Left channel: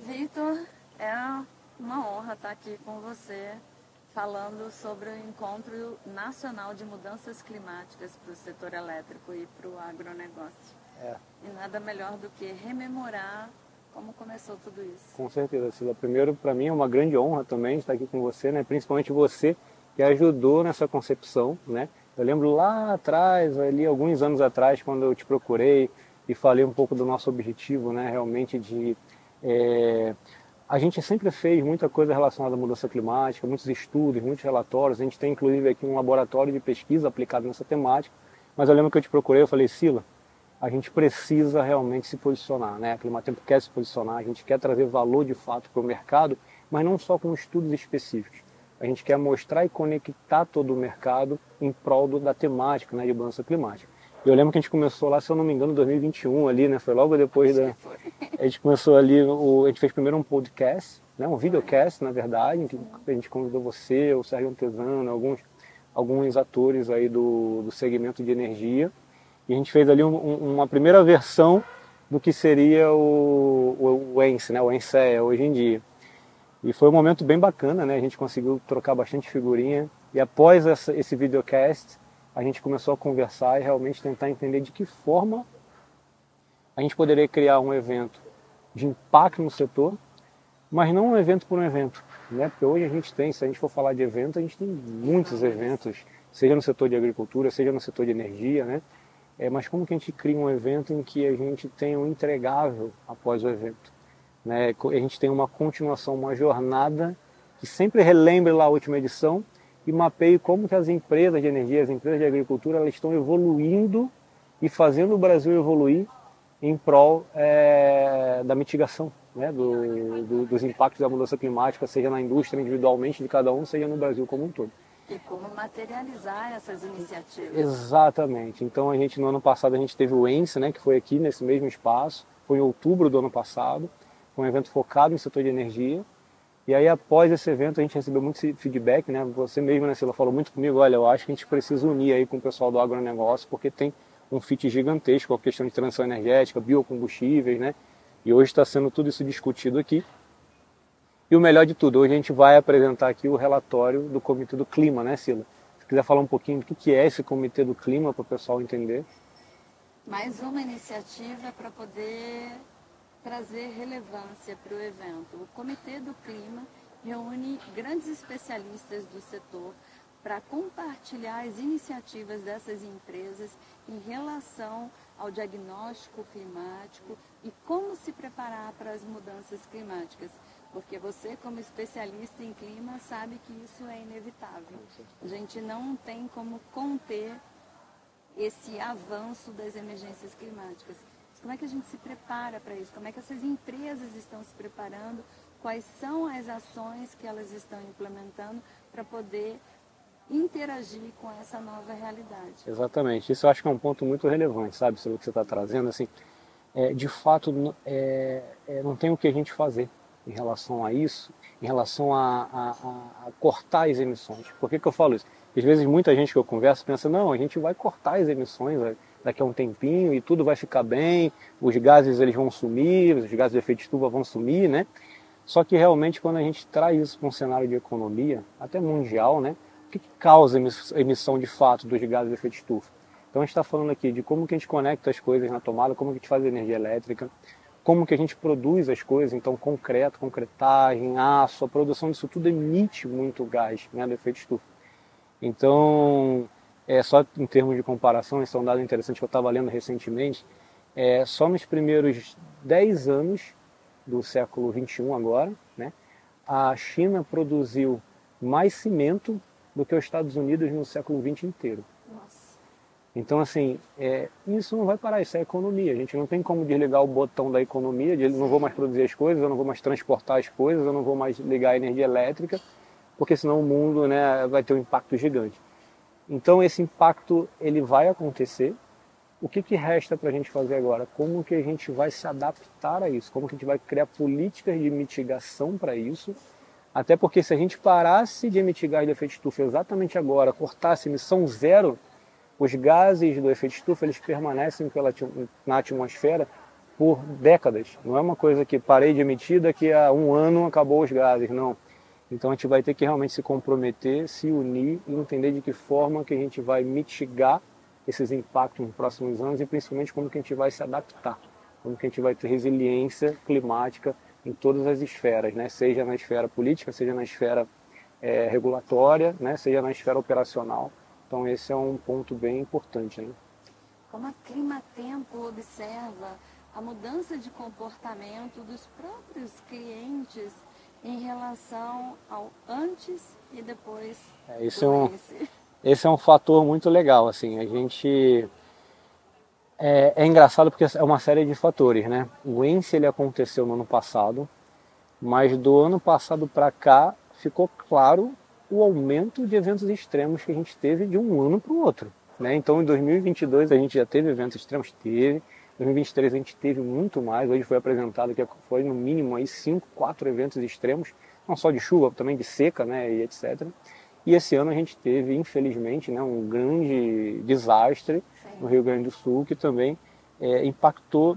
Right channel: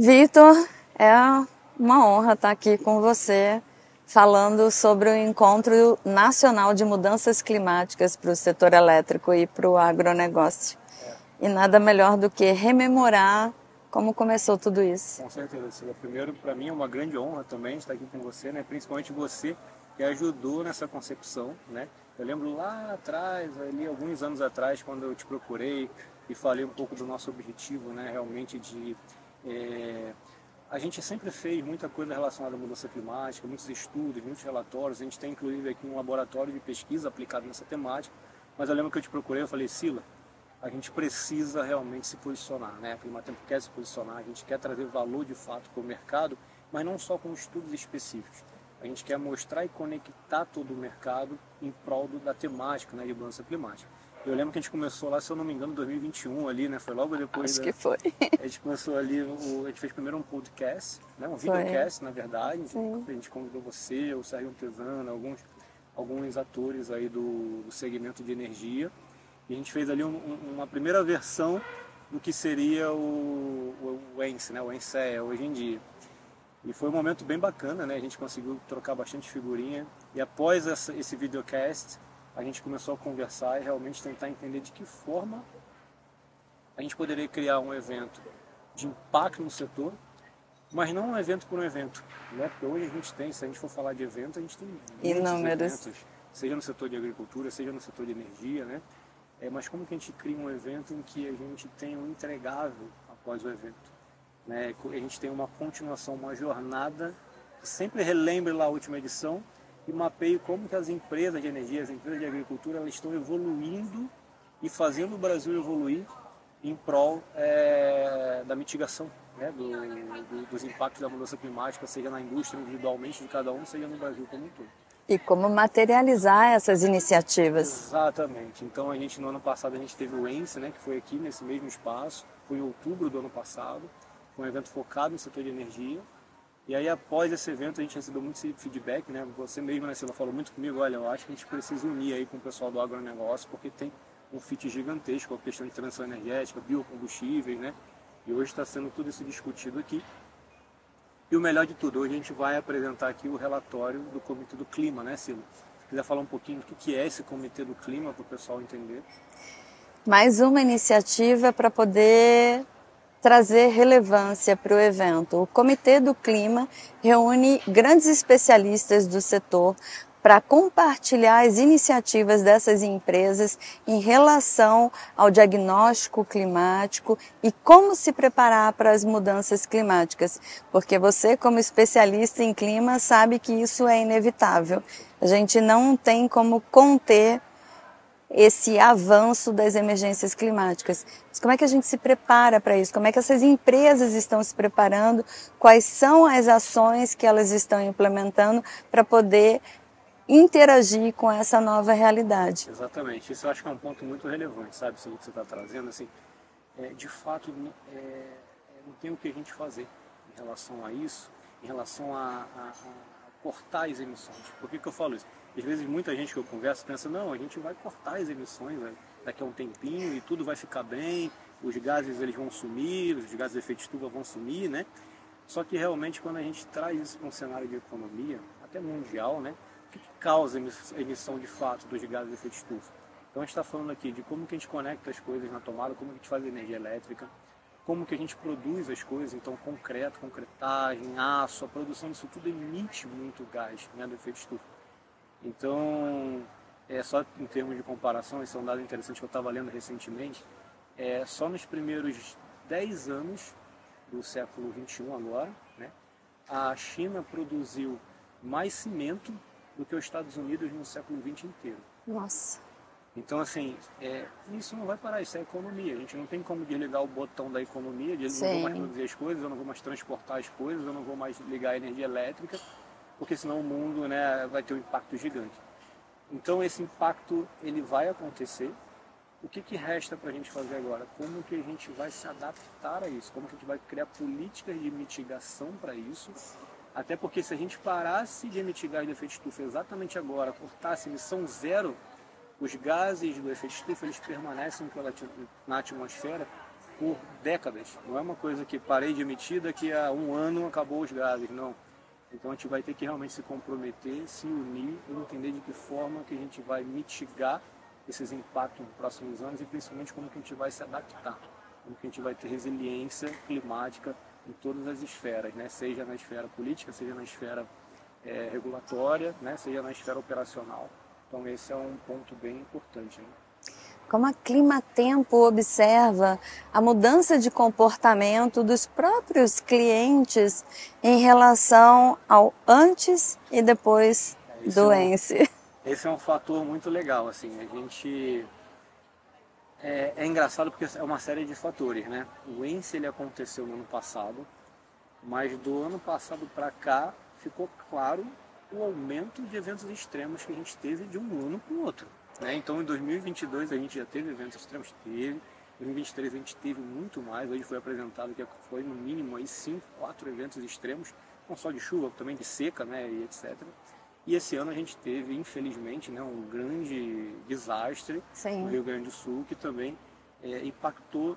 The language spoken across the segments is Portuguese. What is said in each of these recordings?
Vitor, é uma honra estar aqui com você falando sobre o Encontro Nacional de Mudanças Climáticas para o setor elétrico e para o agronegócio. E nada melhor do que rememorar como começou tudo isso. Com certeza, Sila. Primeiro, para mim é uma grande honra também estar aqui com você, né? Principalmente você que ajudou nessa concepção, né? Eu lembro lá atrás, ali alguns anos atrás, quando eu te procurei e falei um pouco do nosso objetivo, né? Realmente de a gente sempre fez muita coisa relacionada à mudança climática, muitos estudos, muitos relatórios. A gente tem inclusive aqui um laboratório de pesquisa aplicado nessa temática. Mas eu lembro que eu te procurei, eu falei, Sila, a gente precisa realmente se posicionar, né? A Climatempo quer se posicionar, a gente quer trazer valor de fato para o mercado, mas não só com estudos específicos. A gente quer mostrar e conectar todo o mercado em prol da temática, né, de mudança climática. E eu lembro que a gente começou lá, se eu não me engano, em 2021 ali, né? Foi logo depois Acho que foi. A gente começou ali, a gente fez primeiro um podcast, né? Um videocast, na verdade, em que Sim. a gente convidou você, o Sérgio Antesano, alguns atores aí do segmento de energia. E a gente fez ali uma primeira versão do que seria o ENSE, né? O ENSE hoje em dia. E foi um momento bem bacana, né? A gente conseguiu trocar bastante figurinha. E após esse videocast, a gente começou a conversar e realmente tentar entender de que forma a gente poderia criar um evento de impacto no setor, mas não um evento por um evento, né? Porque hoje a gente tem, se a gente for falar de evento, a gente tem muitos eventos, seja no setor de agricultura, seja no setor de energia, né? Mas como que a gente cria um evento em que a gente tem um entregável após o evento? Né? A gente tem uma continuação, uma jornada que sempre relembre lá a última edição e mapeie como que as empresas de energia, as empresas de agricultura, elas estão evoluindo e fazendo o Brasil evoluir em prol da mitigação, né? Dos impactos da mudança climática, seja na indústria individualmente de cada um, seja no Brasil como um todo. E como materializar essas iniciativas. Exatamente. Então no ano passado a gente teve o ENSE, né, que foi aqui nesse mesmo espaço, foi em outubro do ano passado, foi um evento focado no setor de energia. E aí após esse evento a gente recebeu muito feedback, né? Você mesmo, né, Sila, falou muito comigo, olha, eu acho que a gente precisa unir aí com o pessoal do agronegócio, porque tem um fit gigantesco com a questão de transição energética, biocombustíveis, né? E hoje está sendo tudo isso discutido aqui. E o melhor de tudo, hoje a gente vai apresentar aqui o relatório do Comitê do Clima, né, Sila? Se quiser falar um pouquinho do que é esse Comitê do Clima para o pessoal entender. Mais uma iniciativa para poder trazer relevância para o evento. O Comitê do Clima reúne grandes especialistas do setor para compartilhar as iniciativas dessas empresas em relação ao diagnóstico climático e como se preparar para as mudanças climáticas, porque você, como especialista em clima, sabe que isso é inevitável. A gente não tem como conter esse avanço das emergências climáticas. Mas como é que a gente se prepara para isso? Como é que essas empresas estão se preparando? Quais são as ações que elas estão implementando para poder interagir com essa nova realidade? Exatamente. Isso eu acho que é um ponto muito relevante, sabe? Sobre o que você está trazendo. Assim, de fato, não tem o que a gente fazer em relação a isso, em relação a cortar as emissões. Por que eu falo isso? Às vezes muita gente que eu converso pensa, não, a gente vai cortar as emissões daqui a um tempinho e tudo vai ficar bem, os gases eles vão sumir, os gases de efeito de estufa vão sumir, né? Só que realmente quando a gente traz isso para um cenário de economia, até mundial, né? O que causa a emissão de fato dos gases de efeito de estufa? Então a gente está falando aqui de como que a gente conecta as coisas na tomada, como que a gente faz energia elétrica, como que a gente produz as coisas, então concreto, concretagem, aço, a produção disso tudo emite muito gás, né, do efeito de estufa. Então, só em termos de comparação, esse é um dado interessante que eu estava lendo recentemente, só nos primeiros 10 anos do século XXI agora, né, a China produziu mais cimento do que os Estados Unidos no século XX inteiro. Nossa. Então, assim, isso não vai parar, isso é economia. A gente não tem como desligar o botão da economia, de não vou mais produzir as coisas, eu não vou mais transportar as coisas, eu não vou mais ligar a energia elétrica, porque senão o mundo, né, vai ter um impacto gigante. Então, esse impacto ele vai acontecer. O que resta para a gente fazer agora? Como que a gente vai se adaptar a isso? Como que a gente vai criar políticas de mitigação para isso? Até porque se a gente parasse de emitir gás de efeito de estufa exatamente agora, cortasse emissão zero, os gases do efeito de estufa eles permanecem na atmosfera por décadas. Não é uma coisa que parei de emitir, daqui a um ano acabou os gases, não. Então a gente vai ter que realmente se comprometer, se unir e entender de que forma que a gente vai mitigar esses impactos nos próximos anos e principalmente como que a gente vai se adaptar, como que a gente vai ter resiliência climática em todas as esferas, né? Seja na esfera política, seja na esfera regulatória, né? Seja na esfera operacional. Então esse é um ponto bem importante, né? Como a Climatempo observa a mudança de comportamento dos próprios clientes em relação ao antes e depois do ENSE? Esse é um fator muito legal, assim, a gente... É engraçado porque é uma série de fatores, né? O ENSE ele aconteceu no ano passado, mas do ano passado para cá ficou claro o aumento de eventos extremos que a gente teve de um ano para o outro. Né? Então, em 2022 a gente já teve eventos extremos, teve. Em 2023 a gente teve muito mais. Hoje foi apresentado que foi no mínimo aí 5, 4 eventos extremos, não só de chuva, também de seca, né, e etc. E esse ano a gente teve, infelizmente, né, um grande desastre Sim. no Rio Grande do Sul, que também impactou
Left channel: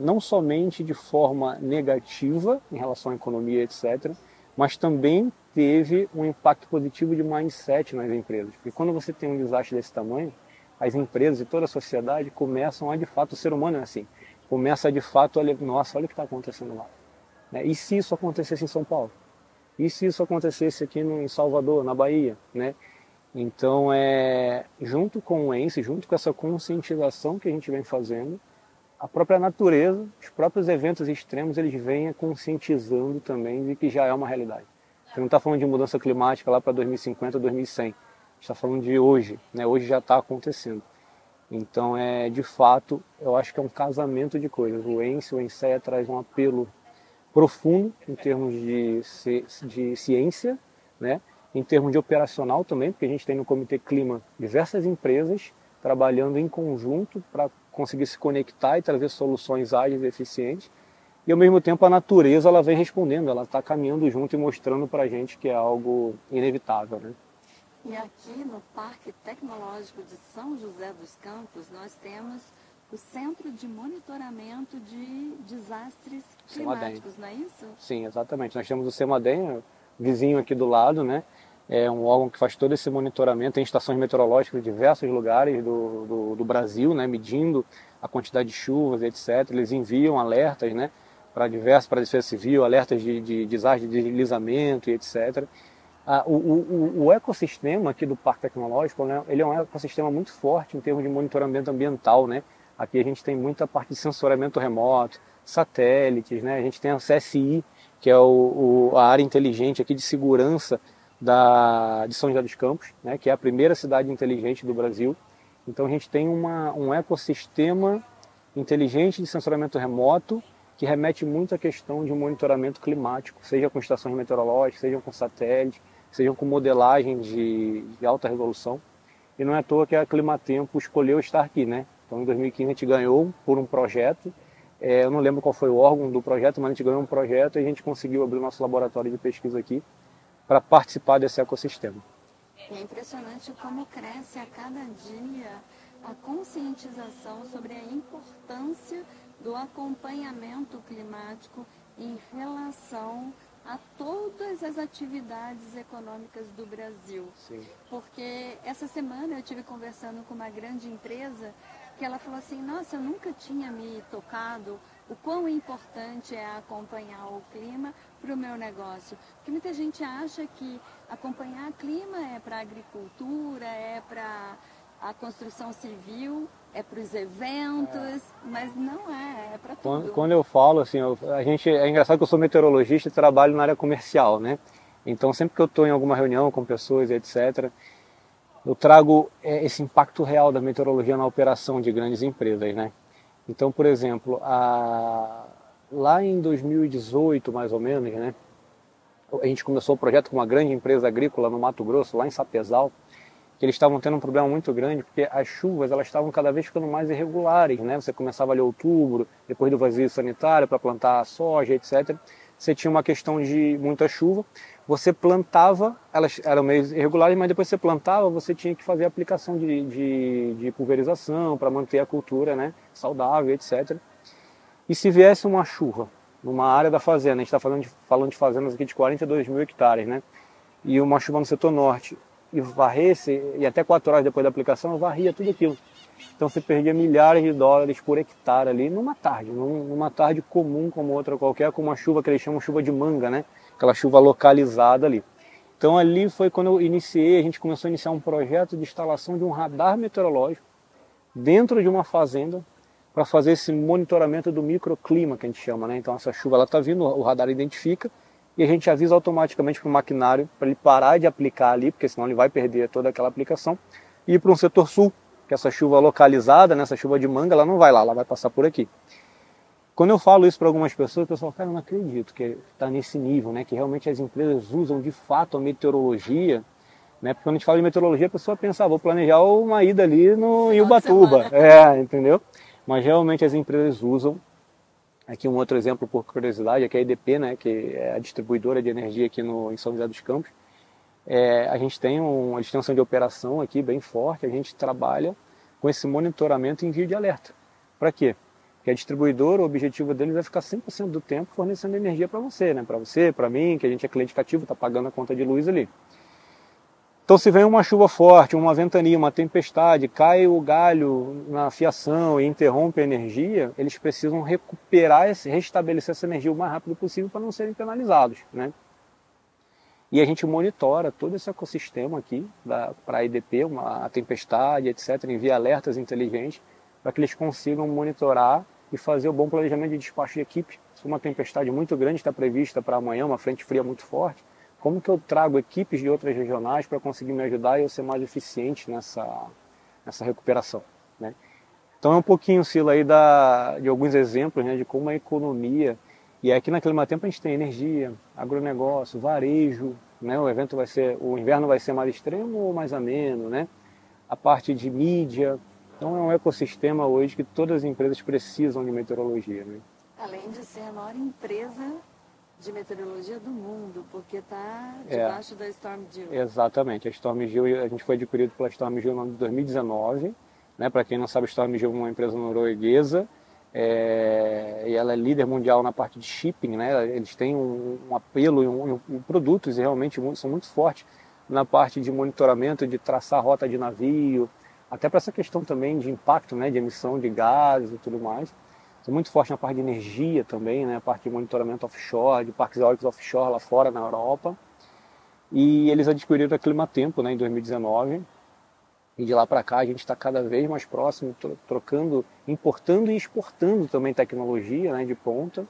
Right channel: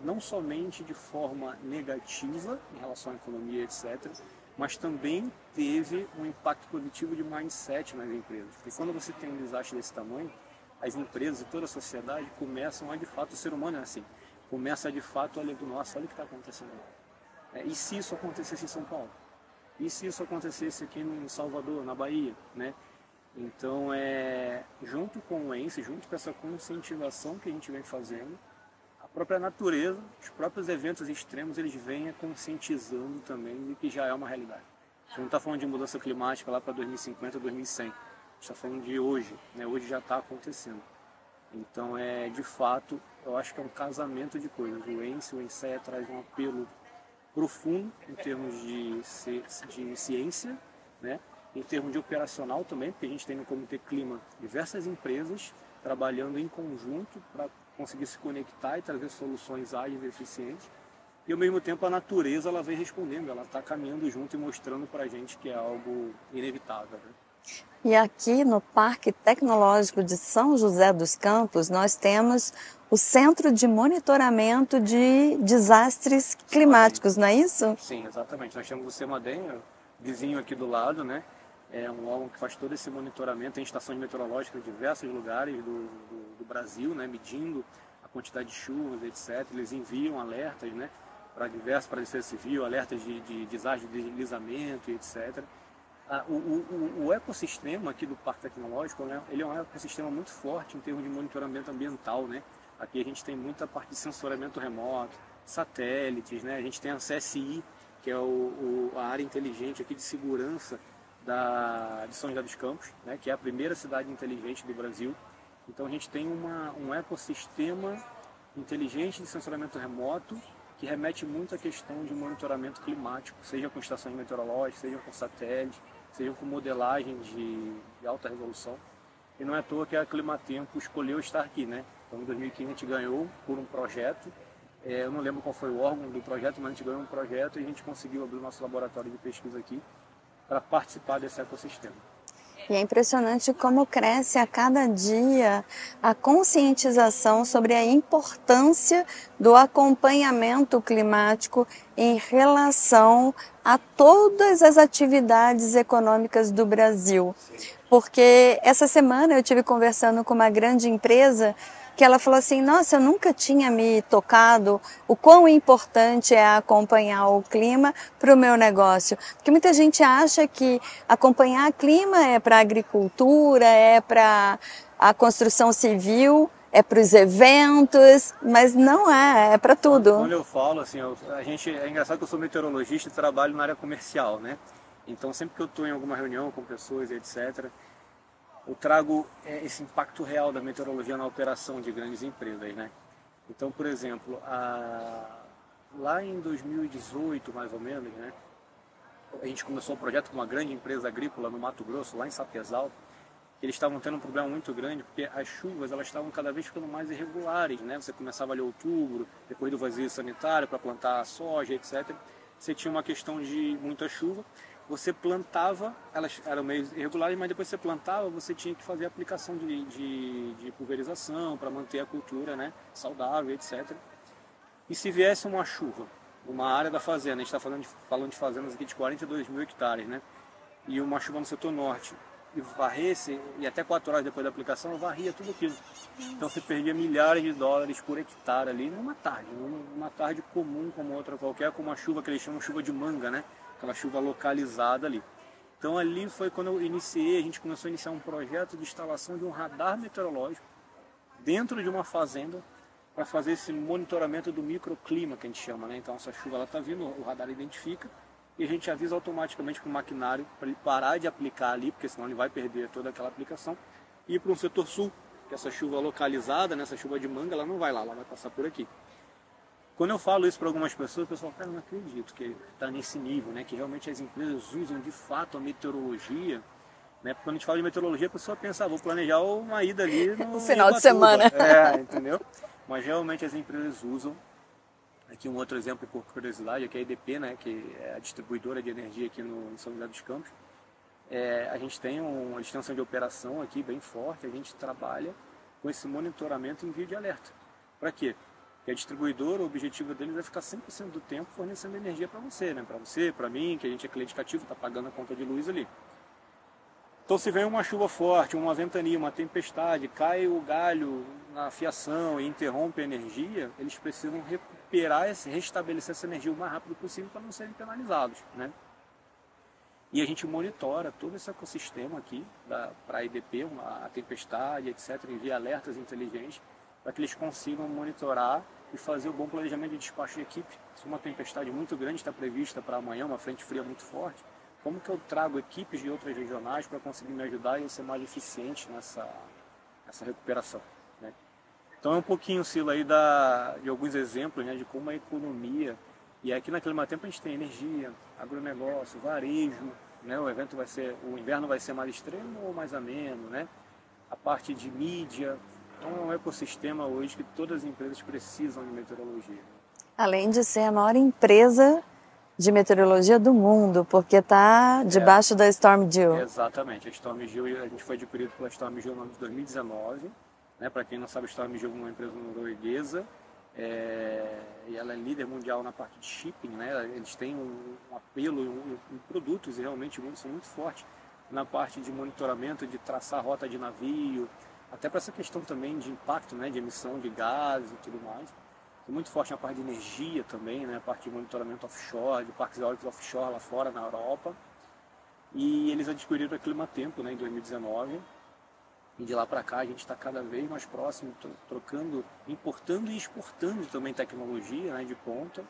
não somente de forma negativa em relação à economia, etc., mas também teve um impacto positivo de mindset nas empresas. Porque quando você tem um desastre desse tamanho, as empresas e toda a sociedade começam a, de fato, o ser humano é assim, começa a, de fato, olha, nossa, olha o que está acontecendo lá. Né? E se isso acontecesse em São Paulo? E se isso acontecesse aqui em Salvador, na Bahia? Né? Então, junto com o ENSE, junto com essa conscientização que a gente vem fazendo, a própria natureza, os próprios eventos extremos, eles vêm conscientizando também de que já é uma realidade. Você não está falando de mudança climática lá para 2050, 2100. A gente está falando de hoje, né? Hoje já está acontecendo. Então, de fato, eu acho que é um casamento de coisas. O ENSEA traz um apelo profundo em termos de ciência, né? Em termos de operacional também, porque a gente tem no Comitê Clima diversas empresas trabalhando em conjunto para conseguir se conectar e trazer soluções ágeis e eficientes. E ao mesmo tempo a natureza ela vem respondendo, ela está caminhando junto e mostrando para a gente que é algo inevitável. Né? E aqui no Parque Tecnológico de São José dos Campos nós temos o Centro de Monitoramento de Desastres Climáticos, não é isso? Sim, exatamente. Nós temos o CEMADEM, vizinho aqui do lado, né? É um órgão que faz todo esse monitoramento, tem estações meteorológicas em diversos lugares do Brasil, né, medindo a quantidade de chuvas, etc. Eles enviam alertas, né, para Defesa Civil, alertas de desastre, de deslizamento e etc. O ecossistema aqui do Parque Tecnológico, né, ele é um ecossistema muito forte em termos de monitoramento ambiental. Né? Aqui a gente tem muita parte de sensoriamento remoto, satélites, né? A gente tem a CSI, que é a área inteligente aqui de segurança de São José dos Campos, né, que é a primeira cidade inteligente do Brasil. Então a gente tem um ecossistema inteligente de sensoramento remoto que remete muito à questão de um monitoramento climático, seja com estações meteorológicas, seja com satélite, seja com modelagem de alta resolução. E não é à toa que a Climatempo escolheu estar aqui. Né? Então em 2015 a gente ganhou por um projeto, eu não lembro qual foi o órgão do projeto, mas a gente ganhou um projeto e a gente conseguiu abrir o nosso laboratório de pesquisa aqui para participar desse ecossistema. E é impressionante como cresce a cada dia a conscientização sobre a importância do acompanhamento climático em relação a todas as atividades econômicas do Brasil. Sim. Porque essa semana eu estive conversando com uma grande empresa que ela falou assim, nossa, eu nunca tinha me tocado o quão importante é acompanhar o clima para o meu negócio. Porque muita gente acha que acompanhar o clima é para a agricultura, é para a construção civil, é para os eventos, mas não é para tudo. Quando eu falo, assim, é engraçado que eu sou meteorologista e trabalho na área comercial, né? Então sempre que eu estou em alguma reunião com pessoas, etc., eu trago esse impacto real da meteorologia na operação de grandes empresas, né? Então, por exemplo, lá em 2018, mais ou menos, né? A gente começou o projeto com uma grande empresa agrícola no Mato Grosso, lá em Sapezal, que eles estavam tendo um problema muito grande, porque as chuvas elas estavam cada vez ficando mais irregulares, né? Você começava ali em outubro, depois do vazio sanitário para plantar soja, etc. Você tinha uma questão de muita chuva, você plantava, elas eram meio irregulares, mas depois você plantava, você tinha que fazer a aplicação de pulverização para manter a cultura, né, saudável, etc. E se viesse uma chuva numa área da fazenda, a gente está falando de fazendas aqui de 42 mil hectares, né? E uma chuva no setor norte, e varresse, e até 4 horas depois da aplicação, varria tudo aquilo. Então você perdia milhares de dólares por hectare ali numa tarde comum como outra qualquer, com uma chuva que eles chamam chuva de manga, né? Aquela chuva localizada ali. Então ali foi quando eu iniciei, a gente começou a iniciar um projeto de instalação de um radar meteorológico dentro de uma fazenda para fazer esse monitoramento do microclima que a gente chama, né? Então essa chuva ela está vindo, o radar identifica e a gente avisa automaticamente para o maquinário para ele parar de aplicar ali, porque senão ele vai perder toda aquela aplicação, e ir para um setor sul, que essa chuva localizada, né, essa chuva de manga, ela não vai lá, ela vai passar por aqui. Quando eu falo isso para algumas pessoas, o pessoal fala, cara, eu não acredito que está nesse nível, né, que realmente as empresas usam de fato a meteorologia, né, porque quando a gente fala de meteorologia, a pessoa pensa, vou planejar uma ida ali no Ubatuba, entendeu? Mas realmente as empresas usam. Aqui um outro exemplo por curiosidade, aqui é a EDP, né, que é a distribuidora de energia aqui em São José dos Campos. A gente tem uma extensão de operação aqui bem forte, a gente trabalha com esse monitoramento e envio de alerta. Para quê? Porque a distribuidora, o objetivo deles é ficar 100% do tempo fornecendo energia para você, né? Para você, para mim, que a gente é cliente cativo, está pagando a conta de luz ali. Então se vem uma chuva forte, uma ventania, uma tempestade, cai o galho na fiação e interrompe a energia, eles precisam restabelecer essa energia o mais rápido possível para não serem penalizados, né? E a gente monitora todo esse ecossistema aqui para a EDP, a tempestade, etc., envia alertas inteligentes para que eles consigam monitorar e fazer o bom planejamento de despacho de equipe. Se uma tempestade muito grande está prevista para amanhã, uma frente fria muito forte, como que eu trago equipes de outras regionais para conseguir me ajudar e eu ser mais eficiente nessa recuperação, né? Então é um pouquinho, Sila, aí de alguns exemplos, né, de como a economia, e aqui na Climatempo a gente tem energia, agronegócio, varejo, né, o inverno vai ser mais extremo ou mais ameno, né? A parte de mídia. Então é um ecossistema hoje que todas as empresas precisam de meteorologia, né? Além de ser a maior empresa de meteorologia do mundo, porque está debaixo da StormGeo. Exatamente, a StormGeo, a gente foi adquirido pela StormGeo no ano de 2019, né? Para quem não sabe, a StormGeo é uma empresa norueguesa, e ela é líder mundial na parte de shipping, né? Eles têm um apelo e produtos realmente são muito fortes na parte de monitoramento, de traçar rota de navio, até para essa questão também de impacto, né? De emissão de gases e tudo mais. São muito fortes na parte de energia também, né? A parte de monitoramento offshore, de parques eólicos offshore lá fora na Europa. E eles adquiriram a Climatempo, né, em 2019. E de lá para cá a gente está cada vez mais próximo, trocando, importando e exportando também tecnologia, né, de ponta.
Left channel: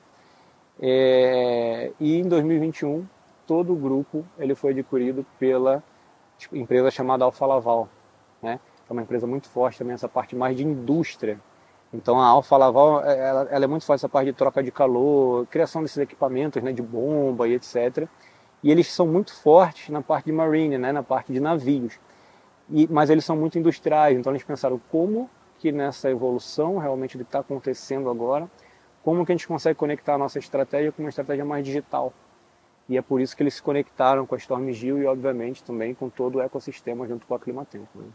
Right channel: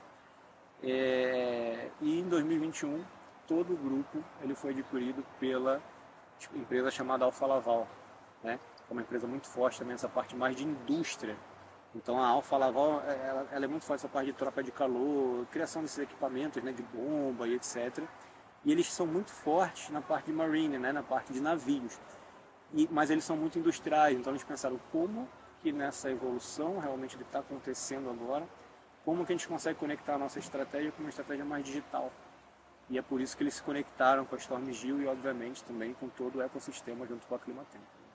E em 2021 todo o grupo ele foi adquirido pela empresa chamada Alfa Laval, né? É uma empresa muito forte também essa parte mais de indústria. Então a Alfa Laval ela é muito forte essa parte de troca de calor, criação desses equipamentos, né, de bomba e etc. E eles são muito fortes na parte de marine, né, na parte de navios. Mas eles são muito industriais, então eles pensaram como que nessa evolução realmente do que está acontecendo agora, como que a gente consegue conectar a nossa estratégia com uma estratégia mais digital. E é por isso que eles se conectaram com a StormGeo e obviamente também com todo o ecossistema junto com a Climatempo, né?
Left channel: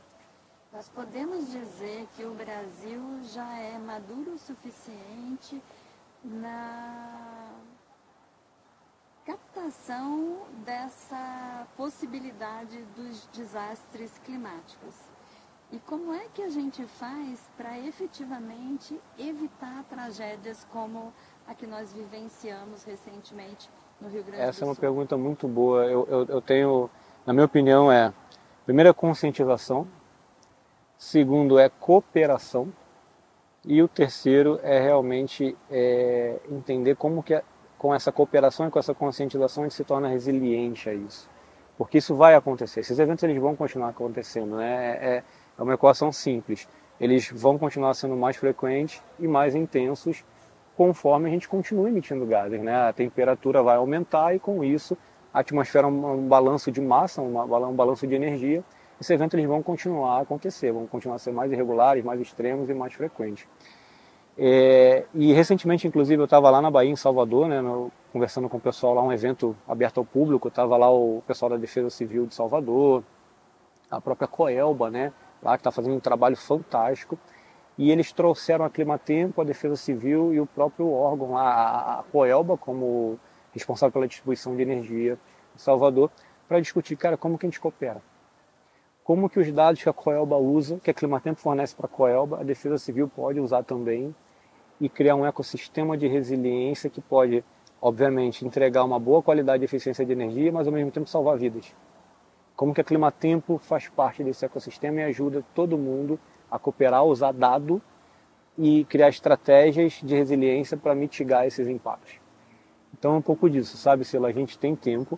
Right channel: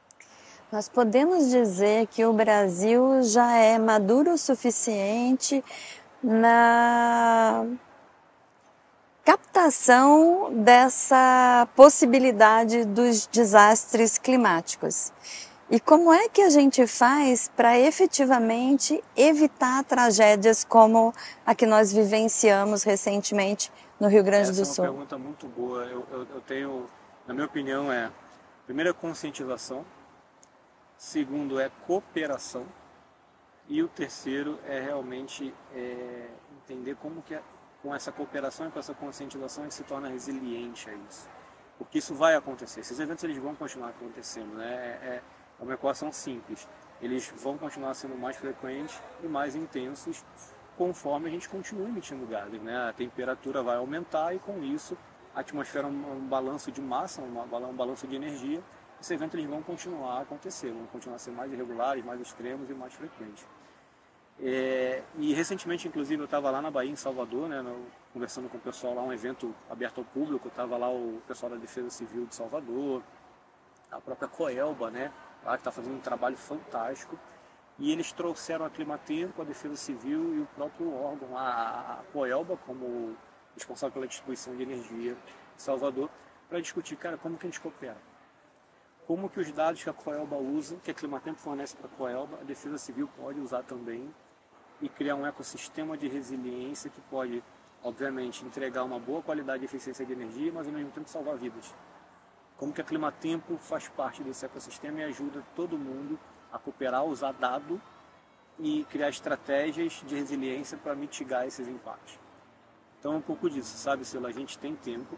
Nós podemos dizer que o Brasil já é maduro o suficiente na captação dessa possibilidade dos desastres climáticos. E como é que a gente faz para efetivamente evitar tragédias como a que nós vivenciamos recentemente no Rio Grande do Sul? Essa é uma pergunta muito boa. Eu tenho, na minha opinião, primeiro, conscientização. Segundo é cooperação. E o terceiro é realmente entender como que com essa cooperação e com essa conscientização a gente se torna resiliente a isso. Porque isso vai acontecer. Esses eventos eles vão continuar acontecendo, né? É uma equação simples. Eles vão continuar sendo mais frequentes e mais intensos conforme a gente continua emitindo gases, né? A temperatura vai aumentar e com isso a atmosfera é um balanço de massa, um balanço de energia. Esses eventos eles vão continuar a acontecer, vão continuar a ser mais irregulares, mais extremos e mais frequentes. E recentemente, inclusive, eu estava lá na Bahia, em Salvador, né, conversando com o pessoal lá, um evento aberto ao público, estava lá o pessoal da Defesa Civil de Salvador, a própria Coelba, né, lá que está fazendo um trabalho fantástico. e eles trouxeram a Climatempo, a Defesa Civil e o próprio órgão, a Coelba, como responsável pela distribuição de energia em Salvador, para discutir, cara, como que a gente coopera? Como que os dados que a Coelba usa, que a Climatempo fornece para a Coelba, a Defesa Civil pode usar também e criar um ecossistema de resiliência que pode, obviamente, entregar uma boa qualidade e eficiência de energia, mas ao mesmo tempo salvar vidas. Como que a Climatempo faz parte desse ecossistema e ajuda todo mundo a cooperar, usar dado e criar estratégias de resiliência para mitigar esses impactos. Então é um pouco disso, sabe, Sila? A gente tem tempo.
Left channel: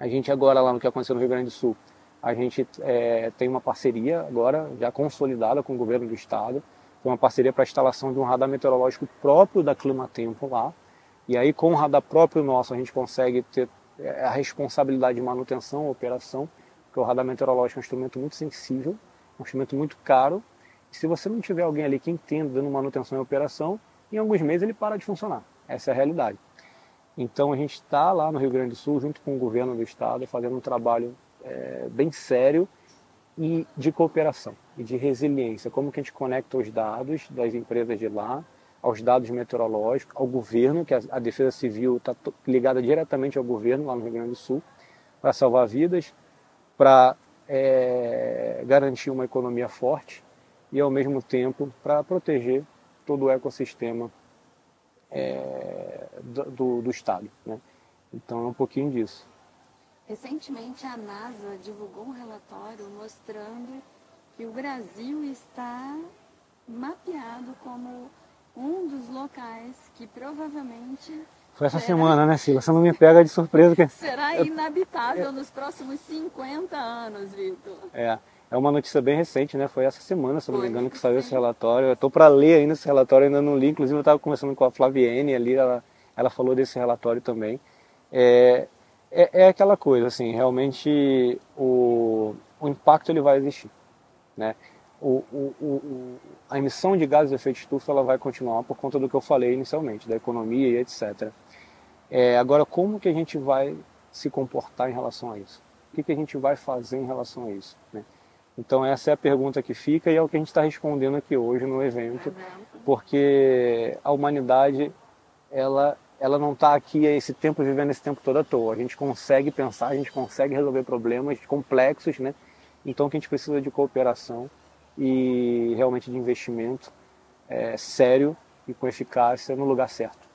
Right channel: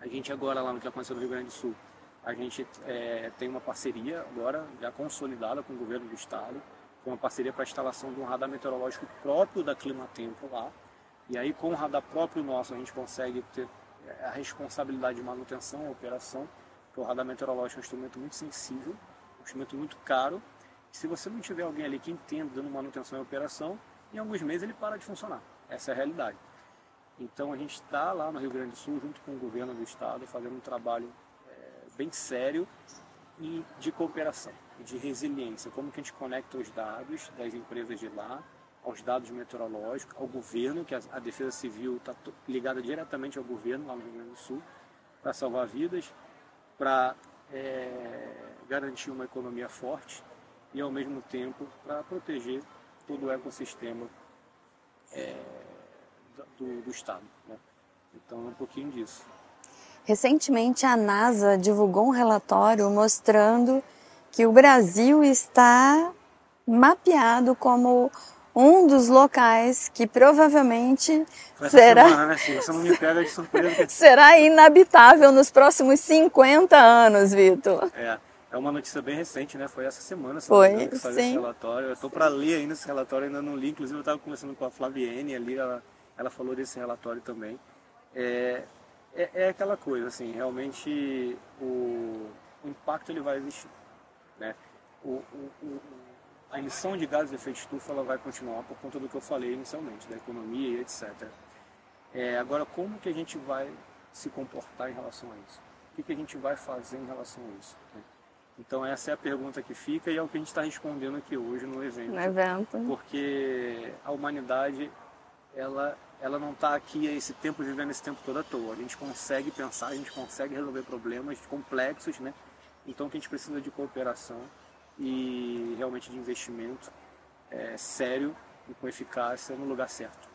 A gente agora, lá no que aconteceu no Rio Grande do Sul, a gente tem uma parceria agora, já consolidada com o governo do estado. Foi uma parceria para a instalação de um radar meteorológico próprio da Climatempo lá. E aí, com o radar próprio nosso, a gente consegue ter a responsabilidade de manutenção, operação, porque o radar meteorológico é um instrumento muito sensível, um instrumento muito caro. E se você não tiver alguém ali que entenda dando manutenção e operação, em alguns meses ele para de funcionar. Essa é a realidade. Então a gente está lá no Rio Grande do Sul, junto com o governo do estado, fazendo um trabalho bem sério e de cooperação e de resiliência. Como que a gente conecta os dados das empresas de lá, aos dados meteorológicos, ao governo, que a Defesa Civil está ligada diretamente ao governo lá no Rio Grande do Sul, para salvar vidas, para garantir uma economia forte e, ao mesmo tempo, para proteger todo o ecossistema do Estado, né? Então é um pouquinho disso. Recentemente, a NASA divulgou um relatório mostrando que o Brasil está mapeado como um dos locais que provavelmente Foi essa semana, né, Sila? Você não me pega de surpresa. Será inabitável nos próximos 50 anos, Vitor. É uma notícia bem recente, né? Foi essa semana, se não me engano, que saiu esse relatório. Eu estou para ler ainda esse relatório, ainda não li. Inclusive, eu estava conversando com a Flaviene ali, ela falou desse relatório também. É aquela coisa, assim, realmente o impacto ele vai existir, né? A emissão de gases de efeito estufa ela vai continuar por conta do que eu falei inicialmente, da economia e etc. Agora, como que a gente vai se comportar em relação a isso? O que a gente vai fazer em relação a isso, né? Então essa é a pergunta que fica e é o que a gente está respondendo aqui hoje no evento. Porque a humanidade, ela não está aqui vivendo esse tempo todo à toa. A gente consegue pensar, a gente consegue resolver problemas complexos, né? Então que a gente precisa de cooperação e realmente de investimento sério e com eficácia no lugar certo.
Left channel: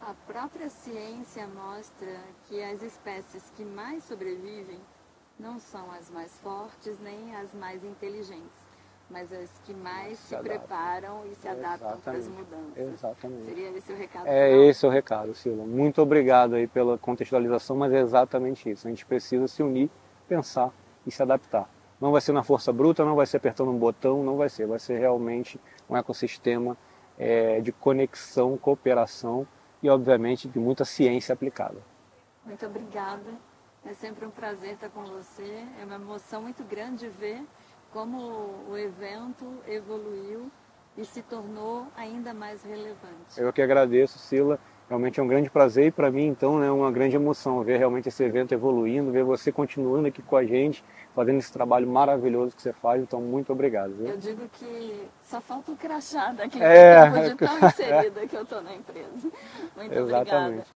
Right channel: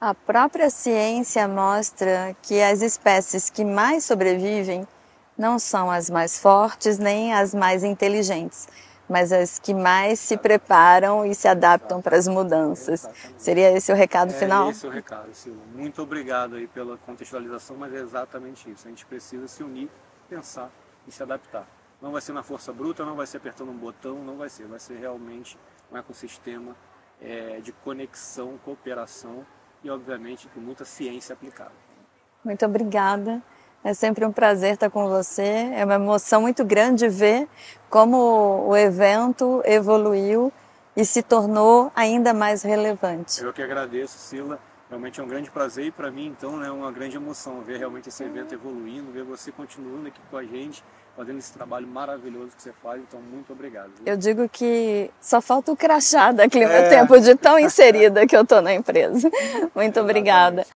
A própria ciência mostra que as espécies que mais sobrevivem não são as mais fortes nem as mais inteligentes, mas as que mais se preparam e se adaptam para as mudanças. Exatamente. Seria esse o recado final? Esse é o recado, Sila. Muito obrigado aí pela contextualização, mas é exatamente isso. A gente precisa se unir, pensar e se adaptar. Não vai ser na força bruta, não vai ser apertando um botão, não vai ser. Vai ser realmente um ecossistema de conexão, cooperação e, obviamente, de muita ciência aplicada. Muito obrigada. É sempre um prazer estar com você. É uma emoção muito grande ver como o evento evoluiu e se tornou ainda mais relevante. Eu que agradeço, Sila. Realmente é um grande prazer e para mim, então, é uma grande emoção ver realmente esse evento evoluindo, ver você continuando aqui com a gente, fazendo esse trabalho maravilhoso que você faz. Então, muito obrigado. Viu? Eu digo que só falta o crachá da Climatempo de tão inserida que eu estou na empresa. Muito obrigada.